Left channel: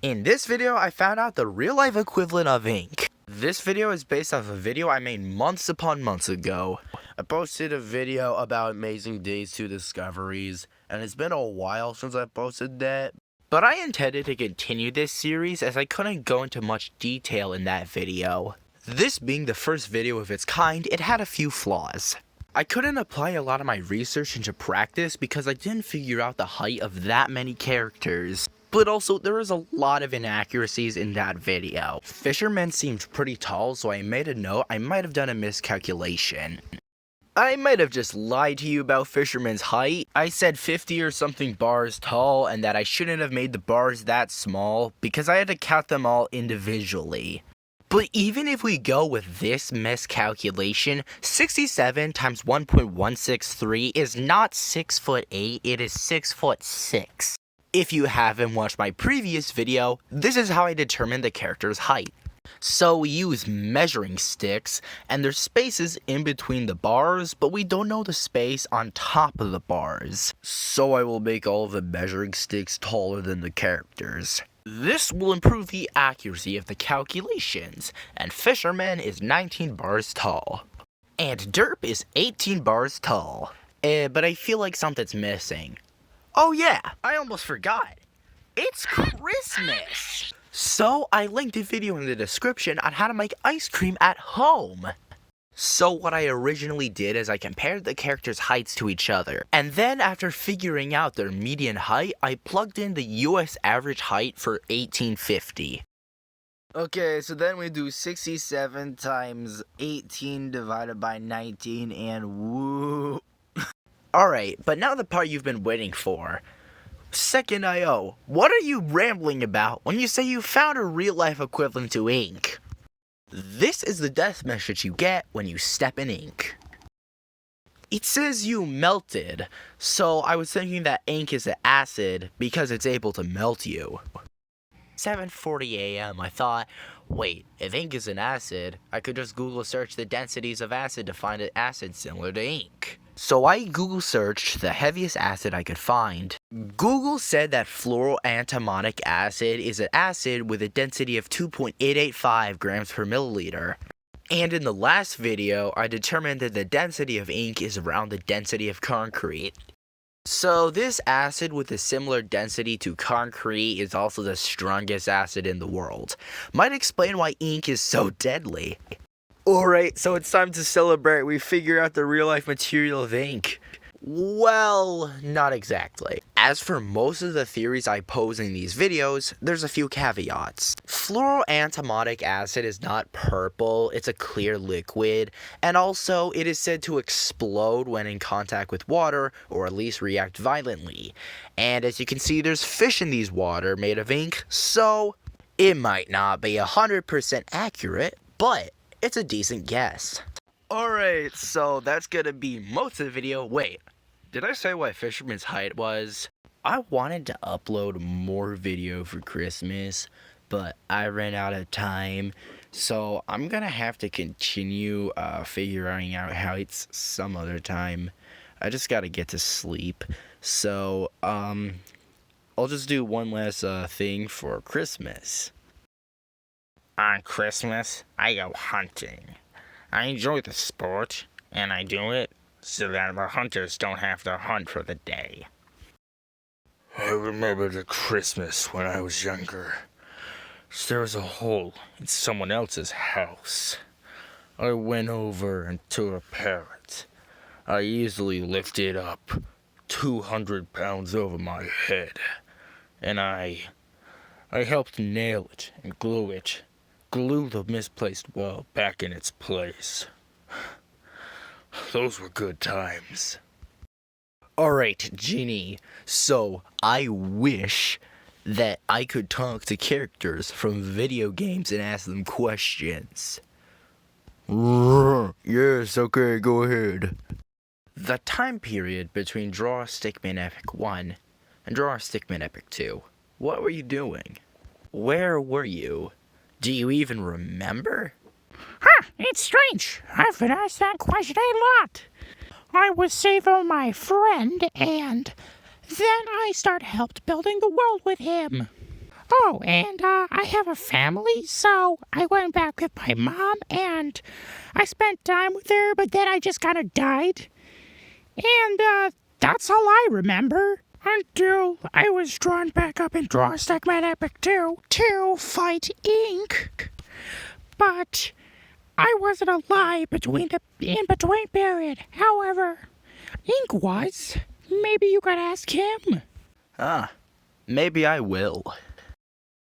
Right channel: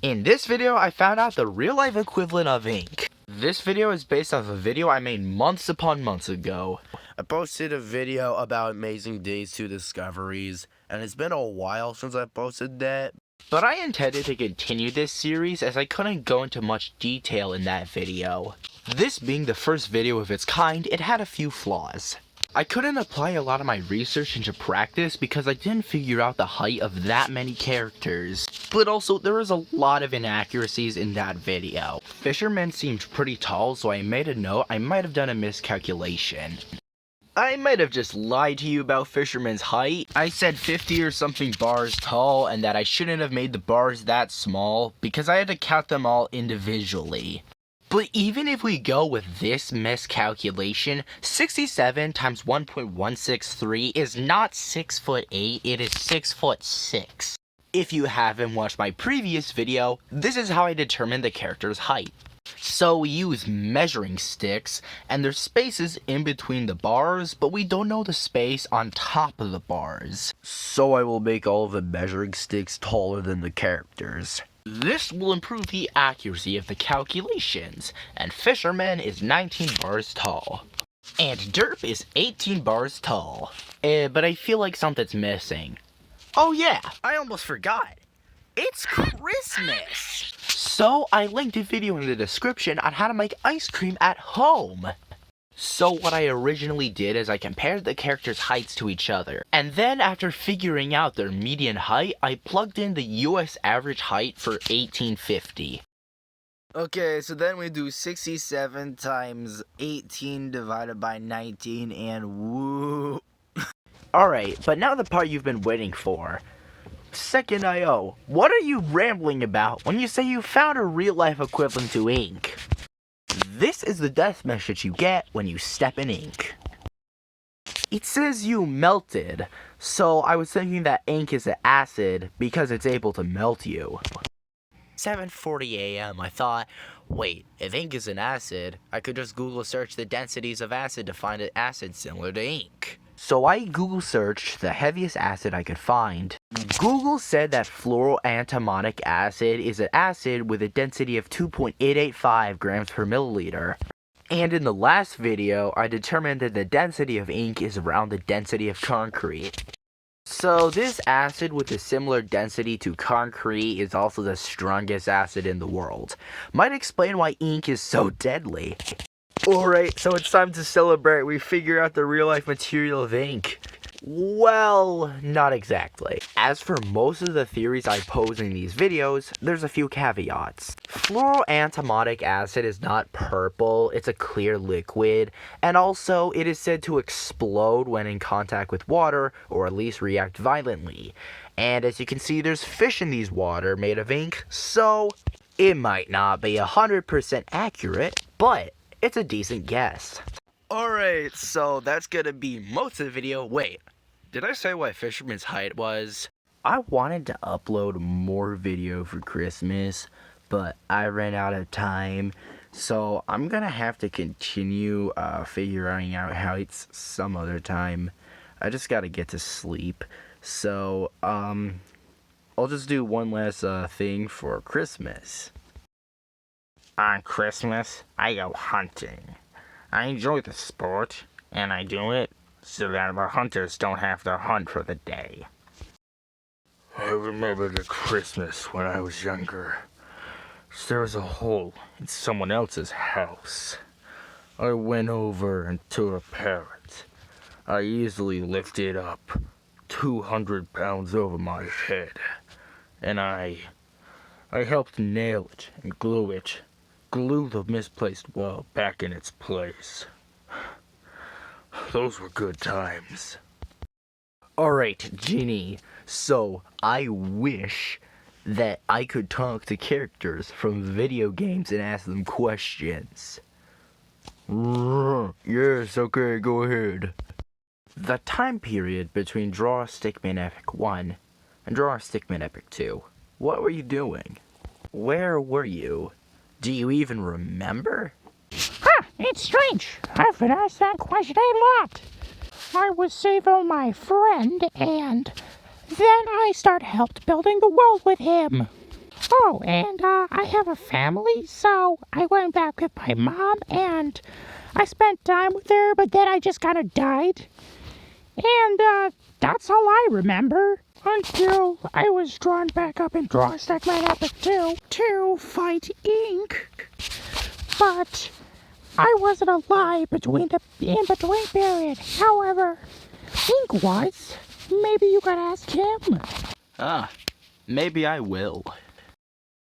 In this video, I found out the real-life equivalent of ink. This video is based off a video I made months upon months ago. I posted a video about Amazing Days 2 Discoveries, and it's been a while since I posted that. But I intended to continue this series as I couldn't go into much detail in that video. This being the first video of its kind, it had a few flaws. I couldn't apply a lot of my research into practice because I didn't figure out the height of that many characters. But also, there was a lot of inaccuracies in that video. Fisherman seemed pretty tall, so I made a note I might have done a miscalculation. I might have just lied to you about Fisherman's height. I said 50 or something bars tall and that I shouldn't have made the bars that small because I had to count them all individually. But even if we go with this miscalculation, 67 times 1.163 is not 6'8", it is 6'6". If you haven't watched my previous video, this is how I determined the character's height. So we use measuring sticks, and there's spaces in between the bars, but we don't know the space on top of the bars. So I will make all of the measuring sticks taller than the characters. This will improve the accuracy of the calculations, and Fisherman is 19 bars tall. And Derp is 18 bars tall. But I feel like something's missing. Oh yeah, I almost forgot. It's Christmas! So I linked a video in the description on how to make ice cream at home. So what I originally did is I compared the characters' heights to each other, and then after figuring out their median height, I plugged in the US average height for 1850. Okay, so then we do 67 times 18 divided by 19, and woo. Alright, but now the part you've been waiting for. Second IO, what are you rambling about when you say you found a real-life equivalent to ink? This is the death message you get when you step in ink. It says you melted, so I was thinking that ink is an acid because it's able to melt you. 7:40 a.m. I thought, wait, if ink is an acid, I could just Google search the densities of acid to find an acid similar to ink. So I Google searched the heaviest acid I could find. Google said that fluoroantimonic acid is an acid with a density of 2.885 grams per milliliter. And in the last video, I determined that the density of ink is around the density of concrete. So this acid with a similar density to concrete is also the strongest acid in the world. Might explain why ink is so deadly. Alright, so it's time to celebrate. We figured out the real-life material of ink. Well, not exactly. As for most of the theories I pose in these videos, there's a few caveats. Fluoroantimonic acid is not purple, it's a clear liquid, and also it is said to explode when in contact with water, or at least react violently. And as you can see, there's fish in these water made of ink, so it might not be 100% accurate, but it's a decent guess. Alright, so that's gonna be most of the video. Wait, did I say what Fisherman's height was? I wanted to upload more video for Christmas, but I ran out of time. So I'm gonna have to continue figuring out heights some other time. I just gotta get to sleep. So, I'll just do one last thing for Christmas. On Christmas, I go hunting. I enjoy the sport, and I do it so that the hunters don't have to hunt for the day. I remember the Christmas when I was younger. There was a hole in someone else's house. I went over and to repair it. I easily lifted up 200 pounds over my head, and I helped nail it and glue the misplaced well back in its place. Those were good times. Alright, Ginny, so I wish that I could talk to characters from video games and ask them questions. Yes, okay, go ahead. The time period between Draw Stickman Epic 1 and Draw Stickman Epic 2. What were you doing? Where were you? Do you even remember? It's strange. I've been asked that question a lot. I was saving my friend, and then I helped building the world with him. Oh, and I have a family, so I went back with my mom, and I spent time with her, but then I just kind of died. And that's all I remember. Until I was drawn back up in Draw Stickman Epic 2 to fight Ink. But I wasn't alive in between period. However, Ink was. Maybe you could ask him. Maybe I will.